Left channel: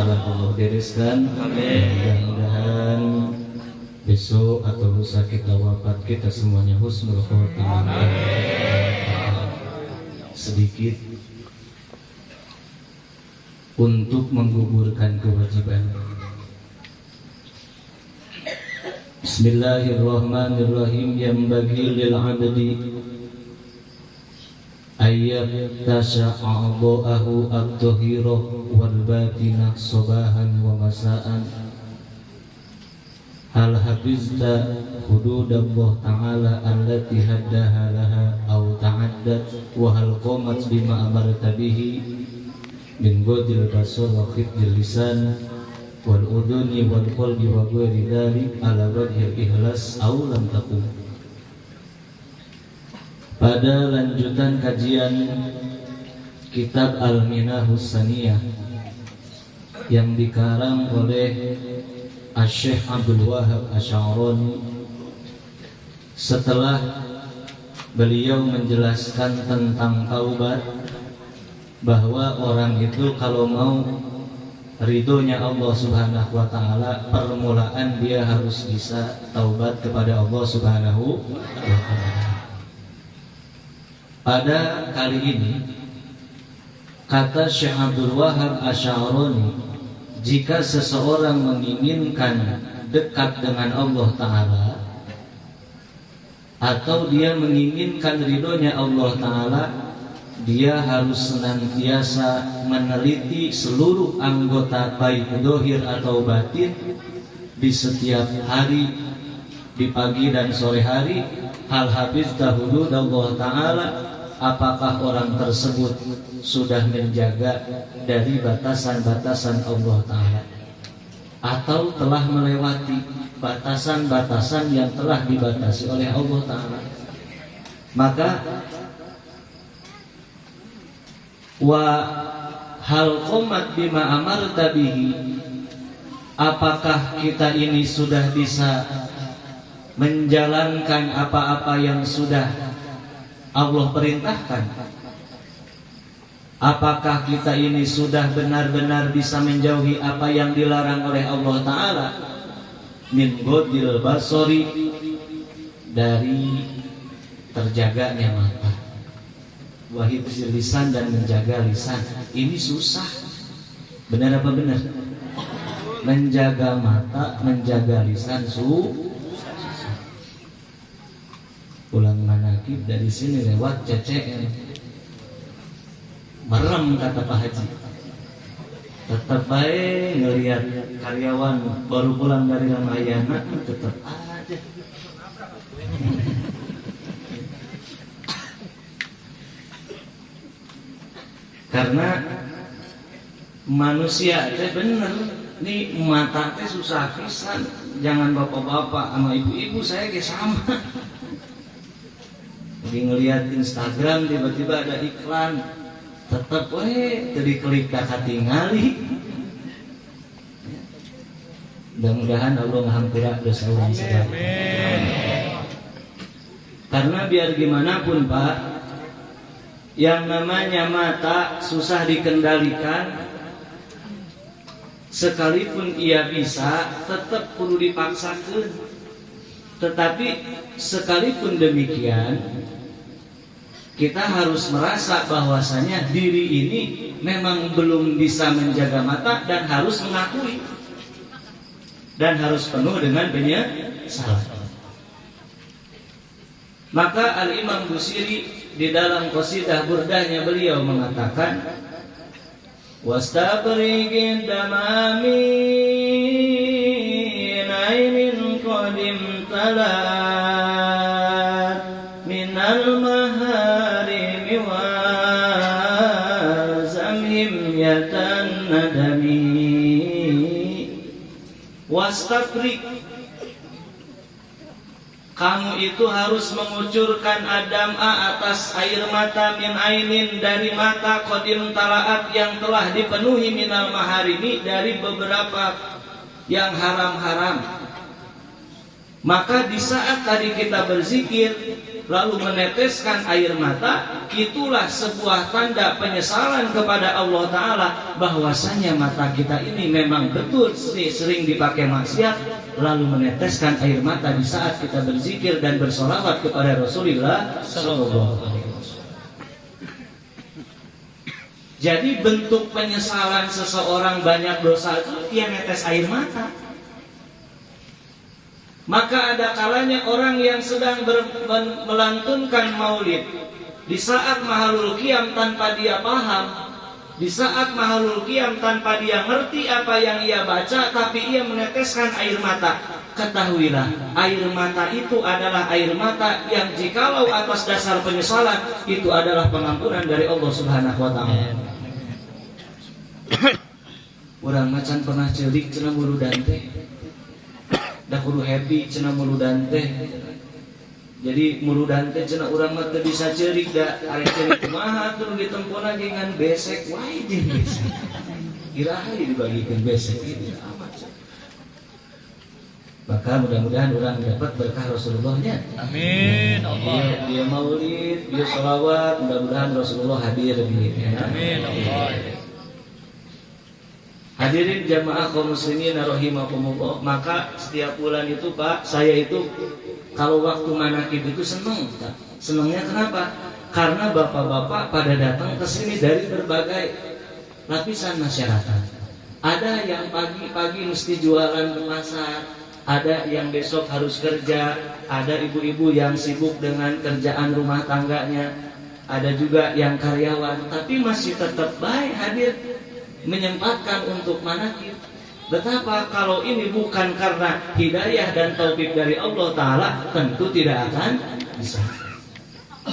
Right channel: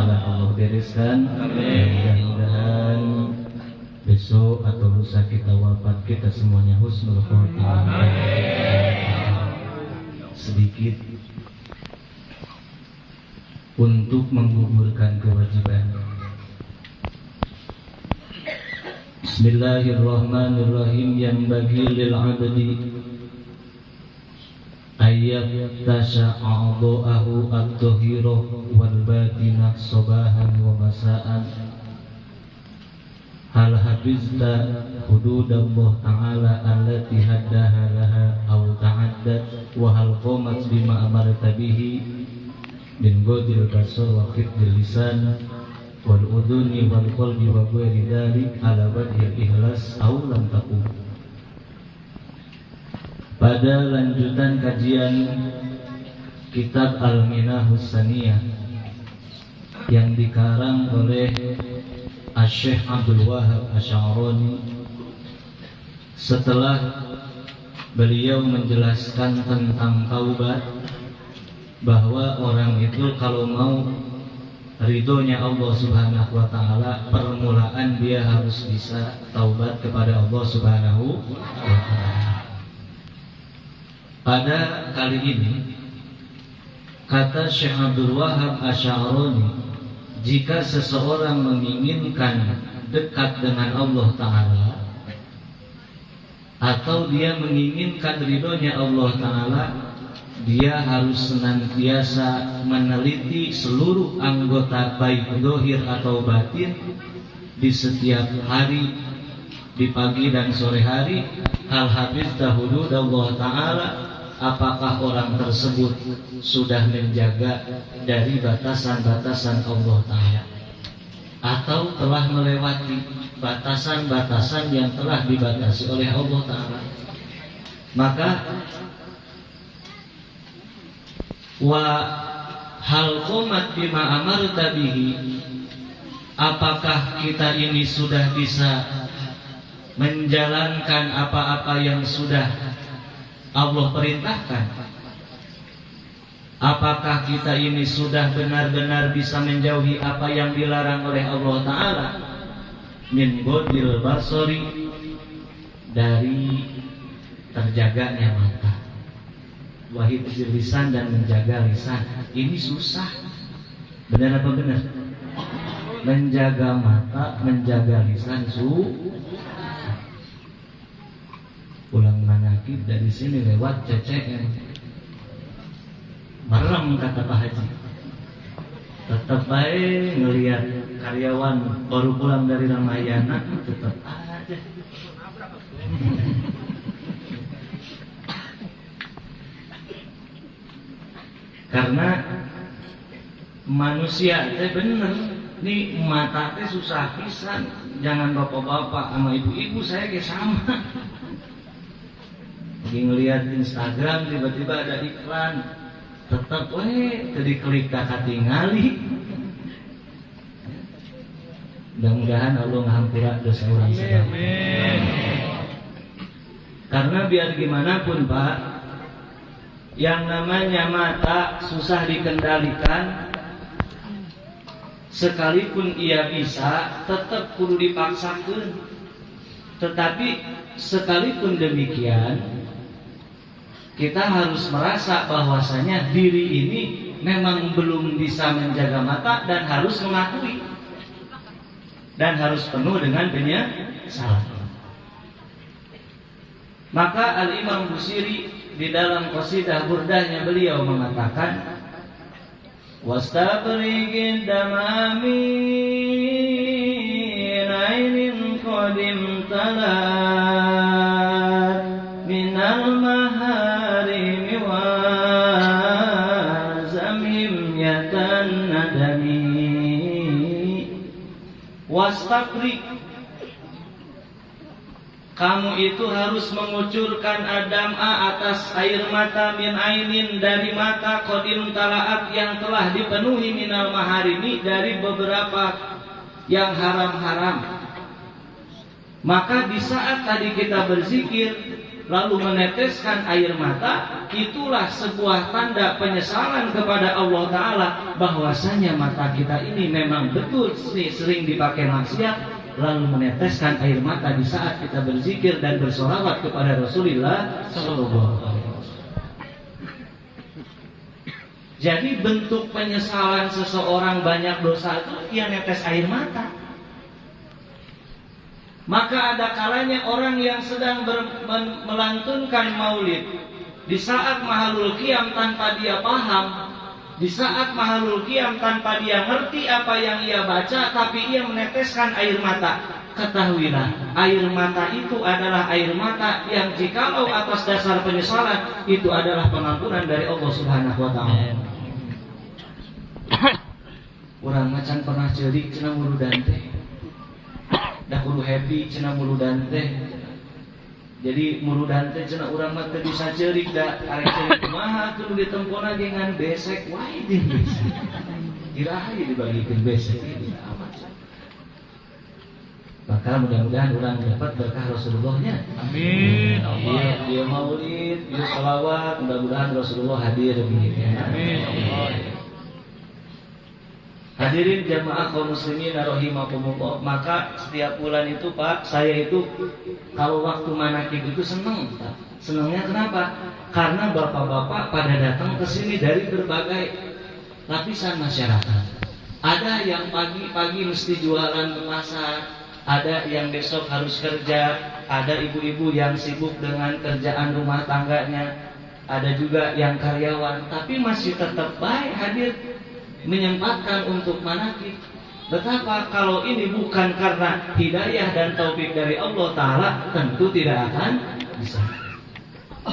akan Allah bereskan. Mudah-mudahan besok atau lusa kita wafat, kita semuanya husnul khotimah. Sedikit untuk menggugurkan kewajiban. Bismillahirrahmanirrahim. Yanbaghi lil 'abdi ayyab tasa'a'dha'ahu ad-dhahira wal batinah sabahan wa masa'an. Hal hafizta hududallah ta'ala allati haddaha laha aw ta'addat wa hal qamat bima amarta bihi min ghadil basar wa khifdil lisan wal udhuni wal qalbi wa ghairi dhalik ala wajhil ikhlas aw lam taqum. Pada lanjutan kajian kitab Al-Minahus Saniyah yang dikarang oleh Asy-Syaikh Abdul Wahhab Asy'arani, setelah beliau menjelaskan tentang taubat, bahwa orang itu kalau mau ridhonya Allah Subhanahu wa taala, permulaan dia harus bisa taubat kepada Allah Subhanahu wa taala. Pada kali ini kata Syekh Abdul Wahhab Asy'arani, jika seseorang menginginkan dekat dengan Allah Ta'ala, atau dia menginginkan ridhonya Allah Ta'ala, dia harus senantiasa meneliti seluruh anggota baik zahir atau batin di setiap hari, di pagi dan sore hari. Hal hafizta hududallah Ta'ala, apakah orang tersebut sudah menjaga dari batasan-batasan Allah Ta'ala, atau telah melewati batasan-batasan yang telah dibatasi oleh Allah Ta'ala. Maka wa hal qomat bima amarta bihi, apakah kita ini sudah bisa menjalankan apa-apa yang sudah Allah perintahkan? Apakah kita ini sudah benar-benar bisa menjauhi apa yang dilarang oleh Allah Ta'ala? Min ghadil basari, dari terjaganya mata, wa hifdzil lisan, dan menjaga lisan. Ini susah. Benar apa benar? Menjaga mata, menjaga lisan susah. Pulang manakib dari sini lewat CCM, merem kata Pak Haji. Tetap baik ngelihat karyawan baru pulang dari Ramayana, tetap aja. Karena manusia teh bener, nih mata teh susah pisan. Jangan bapak-bapak sama ibu-ibu, saya ge sama. Lagi ngelihat Instagram, tiba-tiba ada iklan, tetap tadi klik tak tinggali. Mudah-mudahan Allah ngahampura dosa orang sedang. Karena biar gimana pun Pak, yang namanya mata susah dikendalikan. Sekalipun ia bisa, tetap perlu dipaksakan. Tetapi sekalipun demikian, kita harus merasa bahwasanya diri ini memang belum bisa menjaga mata, dan harus mengakui, dan harus penuh dengan penyesalan. Maka Al-Imam Busiri di dalam qasidah burdahnya beliau mengatakan, wastabrigid damami ainin qadim talat minal maharimi wa zamhim yatan nadami. Wastabrig, kamu itu harus mengucurkan adam'a atas air mata, min ainin, dari mata, qadim talaat, yang telah dipenuhi, minal maharimi, dari beberapa yang haram-haram. Maka di saat tadi kita berzikir, lalu meneteskan air mata, itulah sebuah tanda penyesalan kepada Allah Ta'ala bahwasanya mata kita ini memang betul sering dipakai maksiat, lalu meneteskan air mata di saat kita berzikir dan bersolawat kepada Rasulullah Sallallahu Alaihi Wasallam. Jadi bentuk penyesalan seseorang banyak dosa itu dia netes air mata. Maka ada kalanya orang yang sedang melantunkan maulid, di saat mahalul qiyam tanpa dia paham, di saat mahalul qiyam tanpa dia ngerti apa yang ia baca, tapi ia meneteskan air mata. Ketahuilah, air mata itu adalah air mata yang jikalau atas dasar penyesalan, itu adalah pengampunan dari Allah Subhanahu wa Ta'ala. Orang macan pernah cerik cenah mulu dante. Dah kudu happy cenah muludan teh. Jadi muludan teh cenah urang mah teu bisa ceurik da arek ceurik kumaha kudu ditempona dengan besek wae jeung besek. Iraha dibagikeun besek ini amat. Maka mudah-mudahan urang dapat berkah Rasulullahnya. Amin. Allah. Dia maulid, dia sholawat, mudah-mudahan Rasulullah hadir begitu. Amin. Hadirin jamaah kaum muslimin rahimakumullah, maka setiap bulan itu Pak, saya itu kalau waktu manakib itu seneng Pak. Senengnya kenapa? Karena bapak-bapak pada datang ke sini dari berbagai lapisan masyarakat. Ada yang pagi-pagi mesti jualan ke pasar, ada yang besok harus kerja, ada ibu-ibu yang sibuk dengan kerjaan rumah tangganya, ada juga yang karyawan, tapi masih tetap baik hadir menyempatkan untuk manakib. Betapa kalau ini bukan karena hidayah dan taufik dari Allah Ta'ala, tentu tidak akan bisa.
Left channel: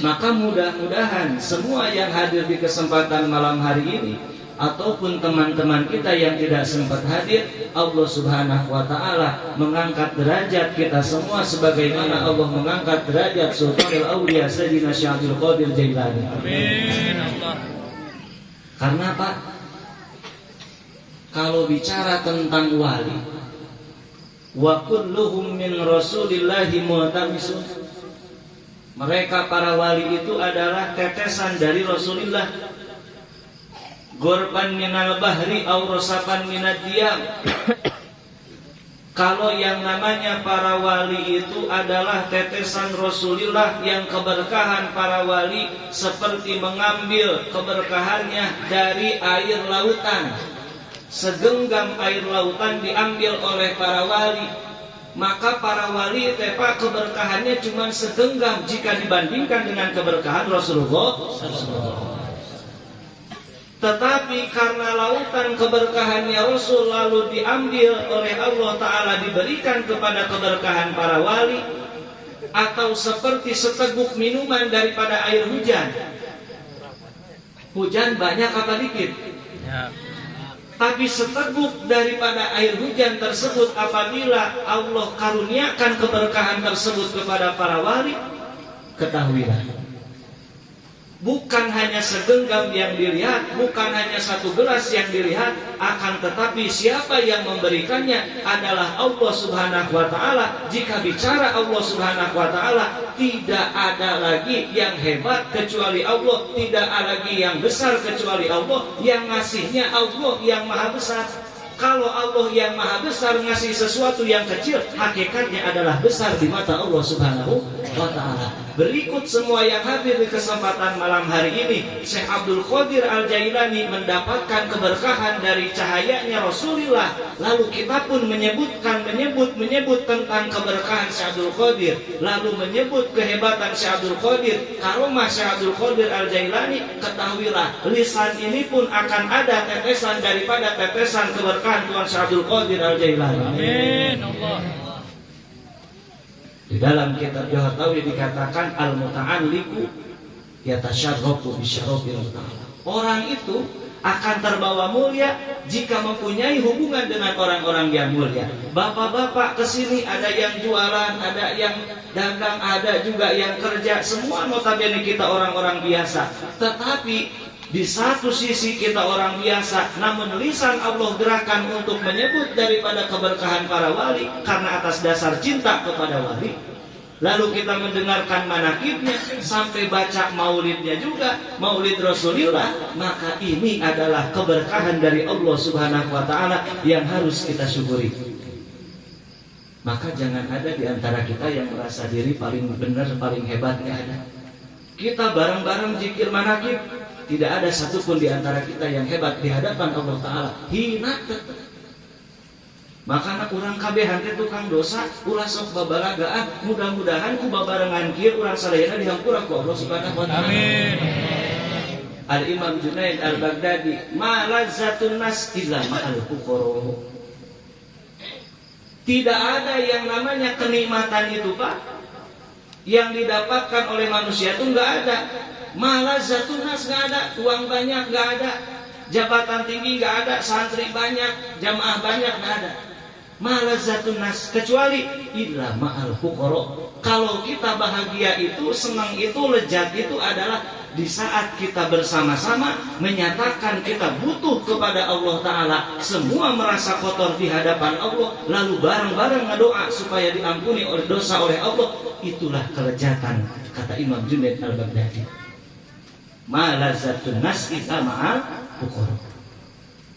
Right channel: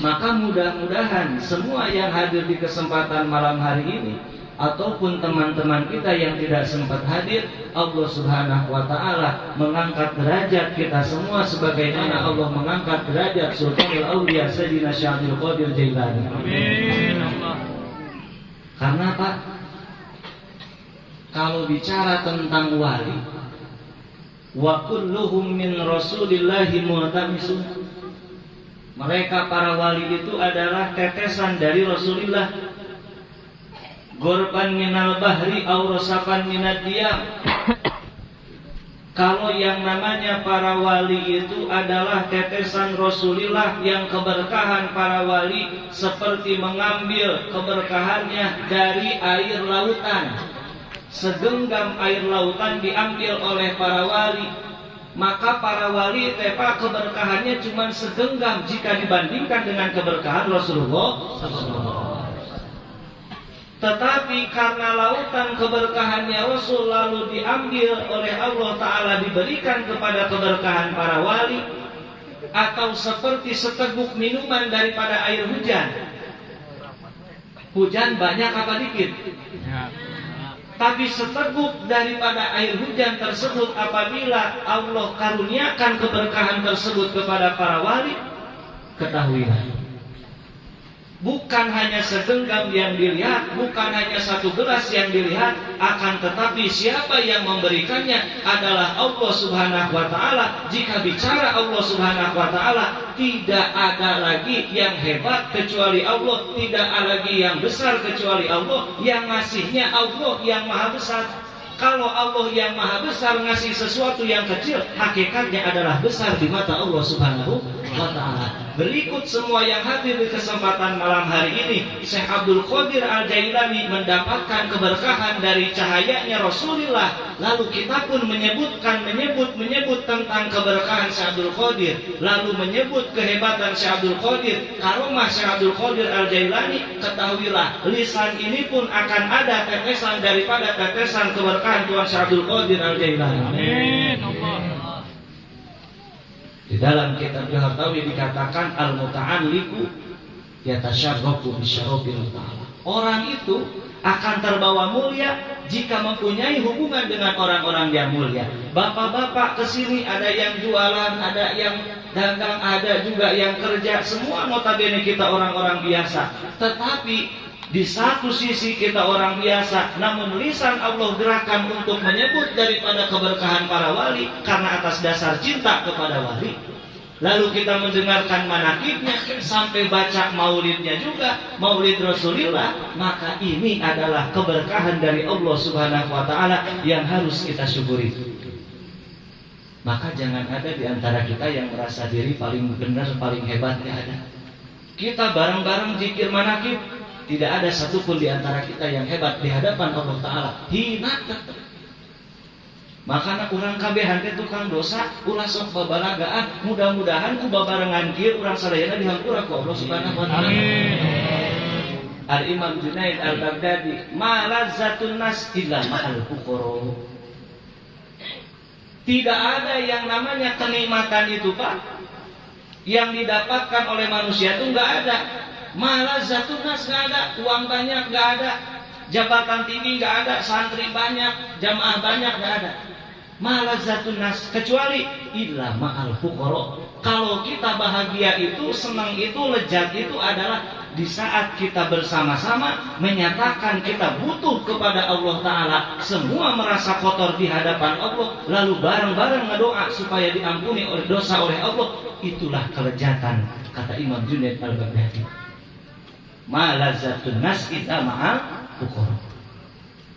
Maka mudah-mudahan semua yang hadir di kesempatan malam hari ini, ataupun teman-teman kita yang tidak sempat hadir, Allah Subhanahu wa Ta'ala mengangkat derajat kita semua sebagaimana Allah mengangkat derajat Sultanul Auliya Sayyidina Syekh Abdul Qadir Jailani. Amin. Karena Pak, kalau bicara tentang wali, wa kulluhum min rasulillahi muhtamisun, mereka para wali itu adalah tetesan dari Rasulullah. Gorban minal bahri aw rosapan minad diyam. Kalau yang namanya para wali itu adalah tetesan Rasulullah, yang keberkahan para wali seperti mengambil keberkahannya dari air lautan. Segenggam air lautan diambil oleh para wali, maka para wali tepa keberkahannya cuma segenggam jika dibandingkan dengan keberkahan Rasulullah. Tetapi karena lautan keberkahannya Rasul lalu diambil oleh Allah Ta'ala, diberikan kepada keberkahan para wali, atau seperti seteguk minuman daripada air hujan. Hujan banyak apa dikit? Tapi seteguk daripada air hujan tersebut, apabila Allah karuniakan keberkahan tersebut kepada para wali, ketahuilah, bukan hanya segenggam yang dilihat, bukan hanya satu gelas yang dilihat, akan tetapi siapa yang memberikannya adalah Allah Subhanahu wa Ta'ala. Jika bicara Allah Subhanahu wa Ta'ala, tidak ada lagi yang hebat kecuali Allah, tidak ada lagi yang besar kecuali Allah. Yang ngasihnya Allah yang maha besar. Kalau Allah yang maha besar ngasih sesuatu yang kecil, hakikatnya adalah besar di mata Allah Subhanahu wa Ta'ala. Berikut semua yang hadir di kesempatan malam hari ini, Syekh Abdul Qadir Al-Jailani mendapatkan keberkahan dari cahayanya Rasulullah. Lalu kita pun menyebut tentang keberkahan Syekh Abdul Qadir, lalu menyebut kehebatan Syekh Abdul Qadir, karomah Syekh Abdul Qadir Al-Jailani. Ketahuilah, lisan ini pun akan ada tetesan daripada tetesan keberkahan Tuhan Syekh Abdul Qadir Al-Jailani. Amin. Di dalam kitab Al-Hartawi dikatakan al-muta'alliqu yatasyarrafu bisyarafil ta'ala. Orang itu akan terbawa mulia jika mempunyai hubungan dengan orang-orang yang mulia. Bapak-bapak kesini, ada yang jualan, ada yang dagang, ada juga yang kerja. Semua notabene kita orang-orang biasa. Tetapi di satu sisi kita orang biasa, namun lisan Allah gerakan untuk menyebut daripada keberkahan para wali karena atas dasar cinta kepada wali. lalu kita mendengarkan manakibnya, sampai baca maulidnya juga, maulid Rasulullah, maka ini adalah keberkahan dari Allah Subhanahu wa Ta'ala yang harus kita syukuri. Maka jangan ada di antara kita yang merasa diri paling benar, paling hebat, nggak ada. Kita bareng-bareng zikir manakib, tidak ada satupun di antara kita yang hebat di hadapan Allah Ta'ala. Hina tetap. Maka urang kabehan teh tukang dosa, ulah sok babalagaan, mudah-mudahan ku babarengan kieu urang sadayana dihampura ku Allah Subhanahu wa Ta'ala. Amin. Al Imam Junaid Al Baghdadi, ma lazzatun nas illa ma'al fuqara. Tidak ada yang namanya kenikmatan itu, Pak, yang didapatkan oleh manusia itu enggak ada. Ma lazzatun nas enggak ada, uang banyak enggak ada, jabatan tinggi enggak ada, santri banyak, jamaah banyak enggak ada. Malazatun nas, kecuali illa ma'al fuqara. Kalau kita bahagia itu, senang itu, lezat itu adalah di saat kita bersama-sama menyatakan kita butuh kepada Allah Ta'ala, semua merasa kotor di hadapan Allah, lalu bareng-bareng ngedoa supaya diampuni oleh dosa oleh Allah. Itulah kelezatan, kata Imam Junaid Al-Baghdadi. Malazatun nas illa ma'al fuqara.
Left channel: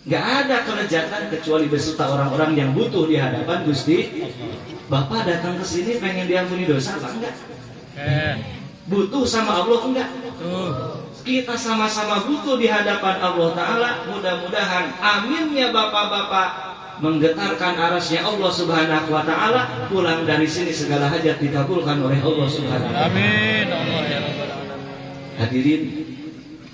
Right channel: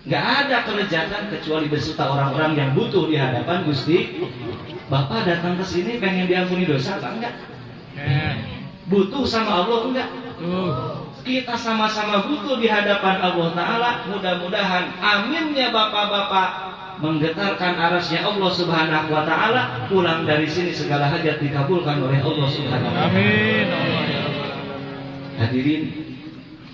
Gak ada kelezatan kecuali beserta orang-orang yang butuh di hadapan Gusti. Bapak datang ke sini pengen diampuni dosa apa enggak? Butuh sama Allah enggak? Kita sama-sama butuh di hadapan Allah Ta'ala. Mudah-mudahan aminnya bapak-bapak menggetarkan arasnya Allah Subhanahu wa Ta'ala. Pulang dari sini segala hajat dikabulkan oleh Allah Subhanahu wa Ta'ala. Amin. Hadirin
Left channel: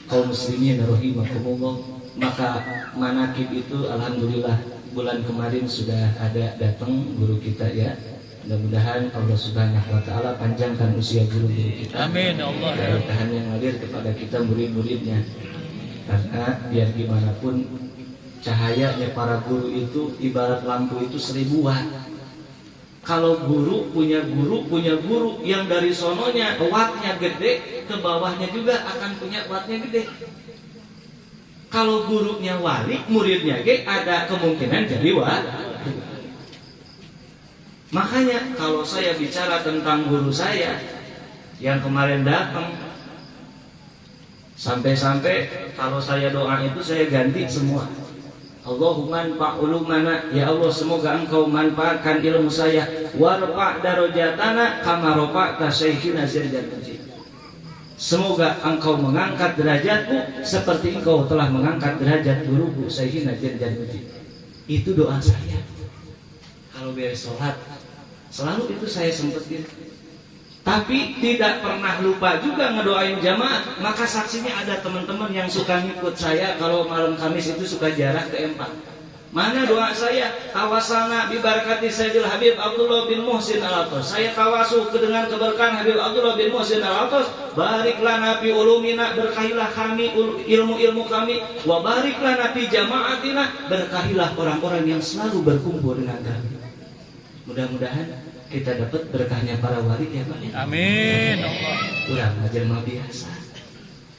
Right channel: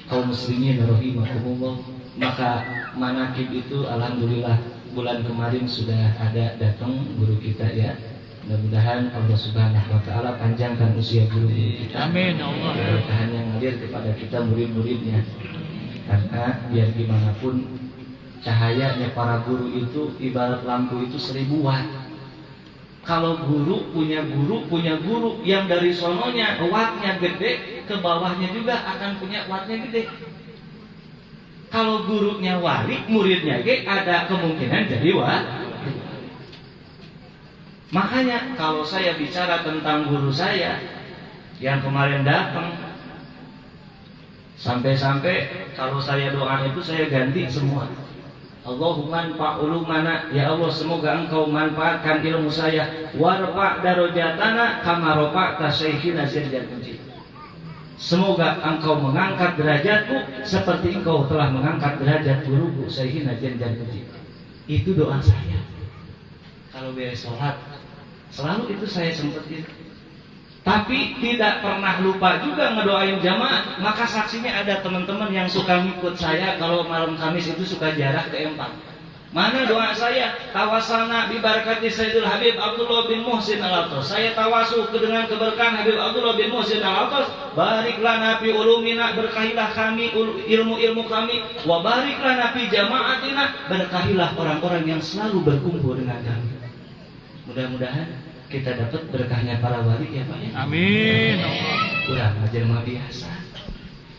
kaum muslimin rahimakumullah. Maka manakib itu alhamdulillah bulan kemarin sudah ada datang guru kita ya. Mudah-mudahan Allah Subhanahu wa Ta'ala panjangkan usia guru-guru kita. Amin Allah. Berkahan yang ngalir kepada kita murid-muridnya. Karena biar gimana pun cahayanya para guru itu ibarat lampu itu 1000 watt. Kalau guru punya guru yang dari sononya wattnya gede, ke bawahnya juga akan punya wattnya gede. Kalau gurunya wali, muridnya ada kemungkinan jadi wali. Makanya kalau saya bicara tentang guru saya yang kemarin datang, sampai-sampai kalau saya doa itu saya ganti semua. Allahumma anfa' ulumana, ya Allah semoga engkau manfaatkan ilmu saya, warfa' darajatana kama rafa'ta syekhina Zaidal Mujib. Semoga engkau mengangkat derajatku seperti engkau telah mengangkat derajat guruku Syekhina Zaidal Mujib. Itu doa saya. Kalau beres sholat, selalu itu saya sempetin. Tapi tidak pernah lupa juga ngedoain jamaah. Maka saksinya ada teman-teman yang suka ngikut saya kalau malam Kamis itu suka jarak ke Empang. Mana doa saya? Tawasalna bi barakati Sayyidil Habib Abdullah bin Muhsin Al-Atos. Saya tawasul dengan keberkahan Habib Abdullah bin Muhsin Al-Atos. Bariklah nabi ulumina, berkahilah kami ilmu-ilmu kami. Wa bariklah nabi jamaatina, berkahilah orang-orang yang selalu berkumpul dengan kami. Mudah-mudahan kita dapat berkahnya para wali ya Pak ya. Amin. Urang ajar mah biasa.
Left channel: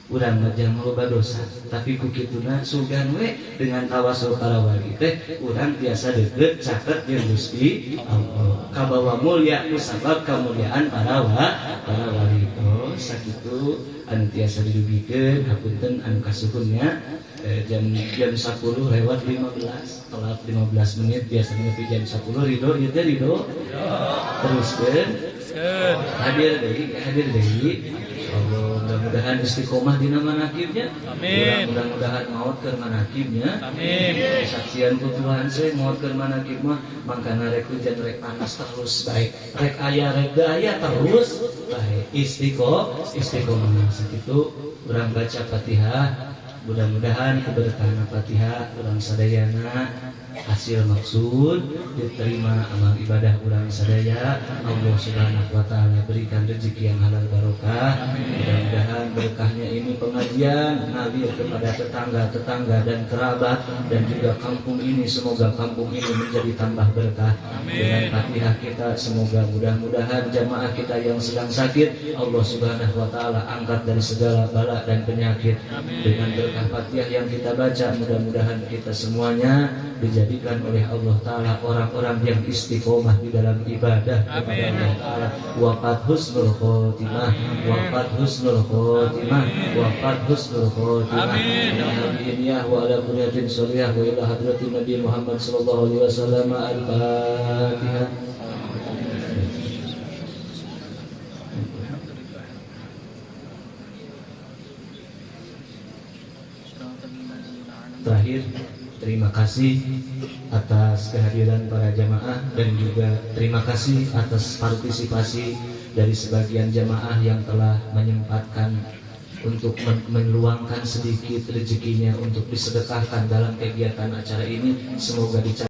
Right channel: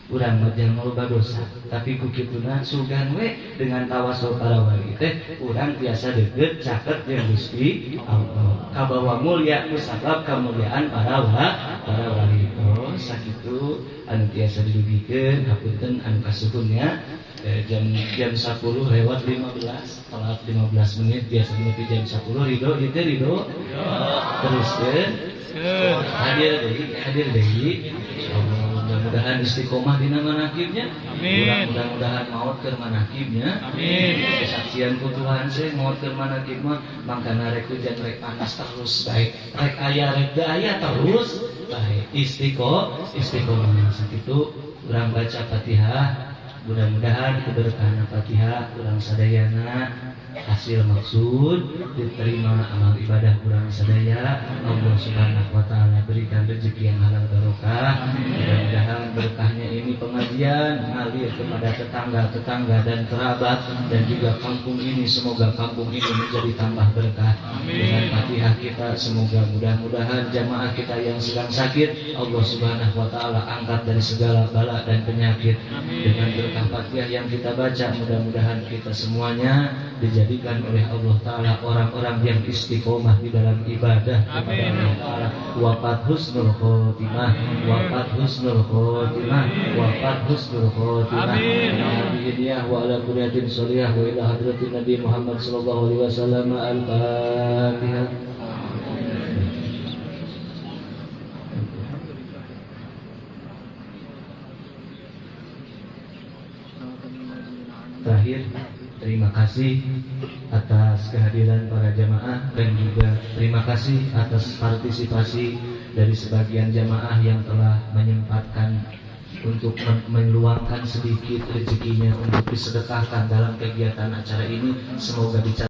Urang majang loba dosa, tapi kukituna sugan we dengan tawasul para wali teh urang biasa deukeut caket jeung Gusti Allah. Kabawa mulya ku sabab kamulyaan para wali. Oh sakitu anu tiasa didugikeun hapunten anu kasuhunnya. Jam 10 lewat 15, telat 15 menit biasanya itu jam 10 ridho ieu teh ridho. Teruskeun hadir deui insyaallah. Mudah-mudahan istiqomah dina manakibnya. Amin. Mudah-mudahan maot keur manakibnya. Amin. Kesaksian ku Tuhan saya maot keur manakib mah mangkana rek hujan rek panas terus baik. Rek aya rek daya terus baik. Istiqomah sakitu urang baca Fatihah. Mudah-mudahan keberkahan Fatihah urang sadayana hasil maksud diterima amal ibadah urang sadaya. Allah Subhanahu wa Ta'ala berikan rezeki yang halal barokah. Mudah-mudahan berkahnya ini pengajian ngalir kepada tetangga-tetangga dan kerabat dan juga kampung ini, semoga kampung ini menjadi tambah berkah. Dengan Fatihah kita semoga mudah-mudahan jamaah kita yang sedang sakit Allah Subhanahu wa Ta'ala angkat dari segala bala dan penyakit. Dengan Al-Fatihah yang kita baca, mudah-mudahan kita semuanya dijadikan oleh Allah Ta'ala orang-orang yang istiqomah di dalam ibadah kepada Allah Ta'ala. Waqad husnul khotimah, waqad husnul khotimah, waqad husnul khotimah. Amin. Wa ala kulliyatin sholiyah wa ila hadratin Nabi Muhammad sallallahu alaihi wasallam. Al-Fatihah. Terakhir, terima kasih atas kehadiran para jamaah dan juga terima kasih atas partisipasi dari sebagian jamaah yang telah menyempatkan untuk meluangkan sedikit rezekinya untuk disedekahkan dalam kegiatan acara ini. Semoga dicapai